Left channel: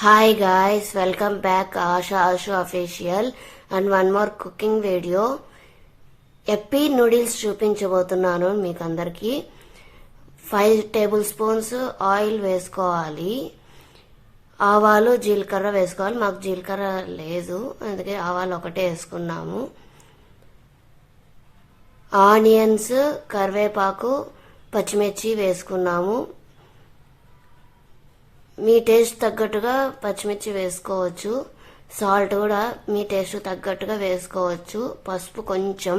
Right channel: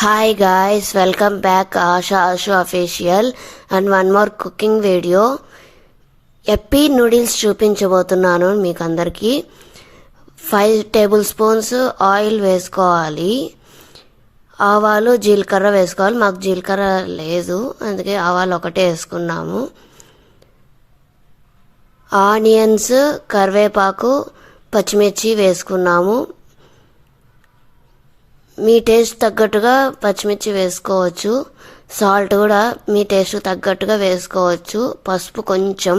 Hi guys, welcome back Asha official and one more cooking video. Yippee Noodles చూపించబోతున్నాను మీకు అందరికి. 5 tablespoons oil వేసుకోవాలి. ఆవాలు జీలకర్ర వేసుకోవాలి. మాకు జీలకర్ర లేదు, అందుకే ఆవాలు ఒకటే వేసుకున్నాము. ఆనియన్స్, కరివేపాకు, పచ్చిమిర్చి వేసుకున్నాము. మీ టేస్ట్ తగ్గట్టుగా పచ్చిమిర్చి వేసుకోవచ్చు. సాల్ట్ కూడా మీ టేస్ట్ తగ్గట్టుగా వేసుకోవచ్చు. పసుపు కొంచెం,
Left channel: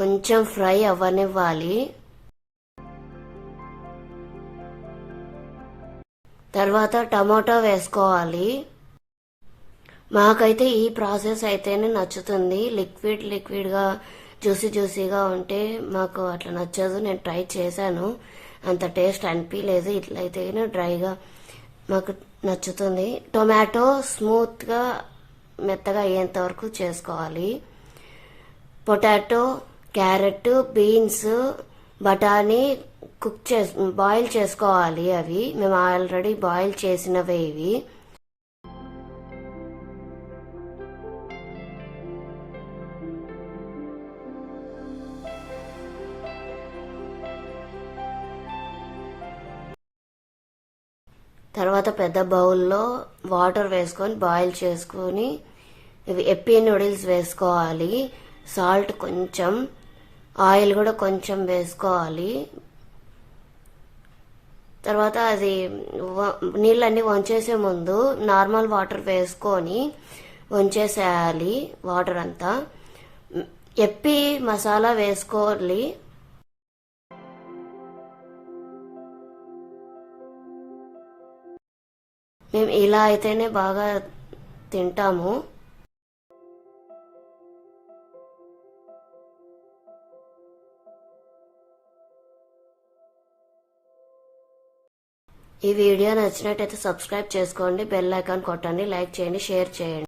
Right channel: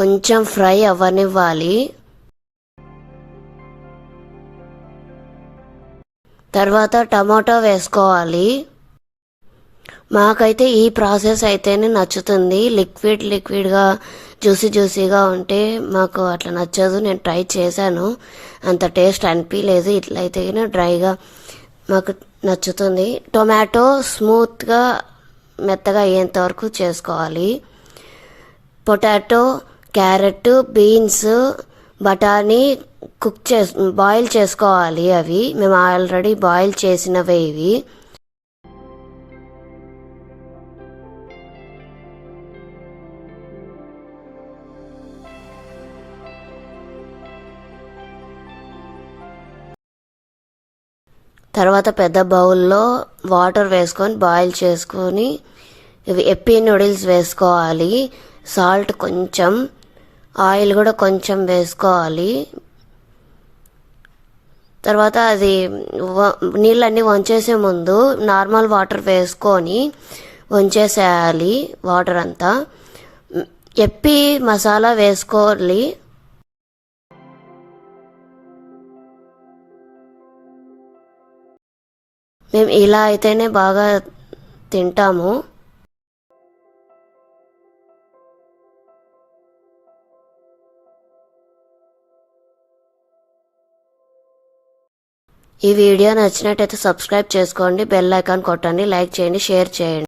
కొంచెం ఫ్రై అవ్వనివ్వాలి. తర్వాత టమాటో వేసుకోవాలి. మాకైతే ఈ ప్రాసెస్ అయితేనే నచ్చుతుంది. లిక్విడ్గా జ్యూసీగా ఉంటే మాకు అట్లా నచ్చదు. నేను ట్రై చేశాను, అంత టేస్ట్ అనిపించలేదు. ఇట్లయితే డ్రైగా మాకు నచ్చుతుంది. టొమాటో స్మూత్గా మెత్తగా అయ్యేంత వరకు చేసుకోవాలి. పొటాటో, క్యారెట్, బీన్స్, బఠానీ బాయిల్ చేసుకోవాలి. అవి మేము ఆల్రెడీ బాయిల్ చేసినవే ఇవి. తర్వాత పెద్ద బౌల్లో వాటర్ వేసుకొని బాయిల్ చేసుకొని ఇవి ఎప్పీ నూడిల్స్ వేసుకోవాలి. సాల్ట్ కొంచెం, ఆయిల్ కూడా కొంచెం వేసుకోవాలి. తర్వాత అది నీళ్ళన్నీ వంచేసే ముందు నార్మల్ వాటర్ వేసుకొని వంచేసేయాలి వాటర్ అంతా. ఎప్పి మసాలా వేసుకోవాలి. మేము ఇలా అయితేనే బాగా తింటాము. ఈ వీడియో నచ్చినట్టయితే సబ్స్క్రైబ్ చేసుకోండి, బెల్ ఐకాన్ కొట్టండి, లైక్ చేయండి, షేర్ చేయండి.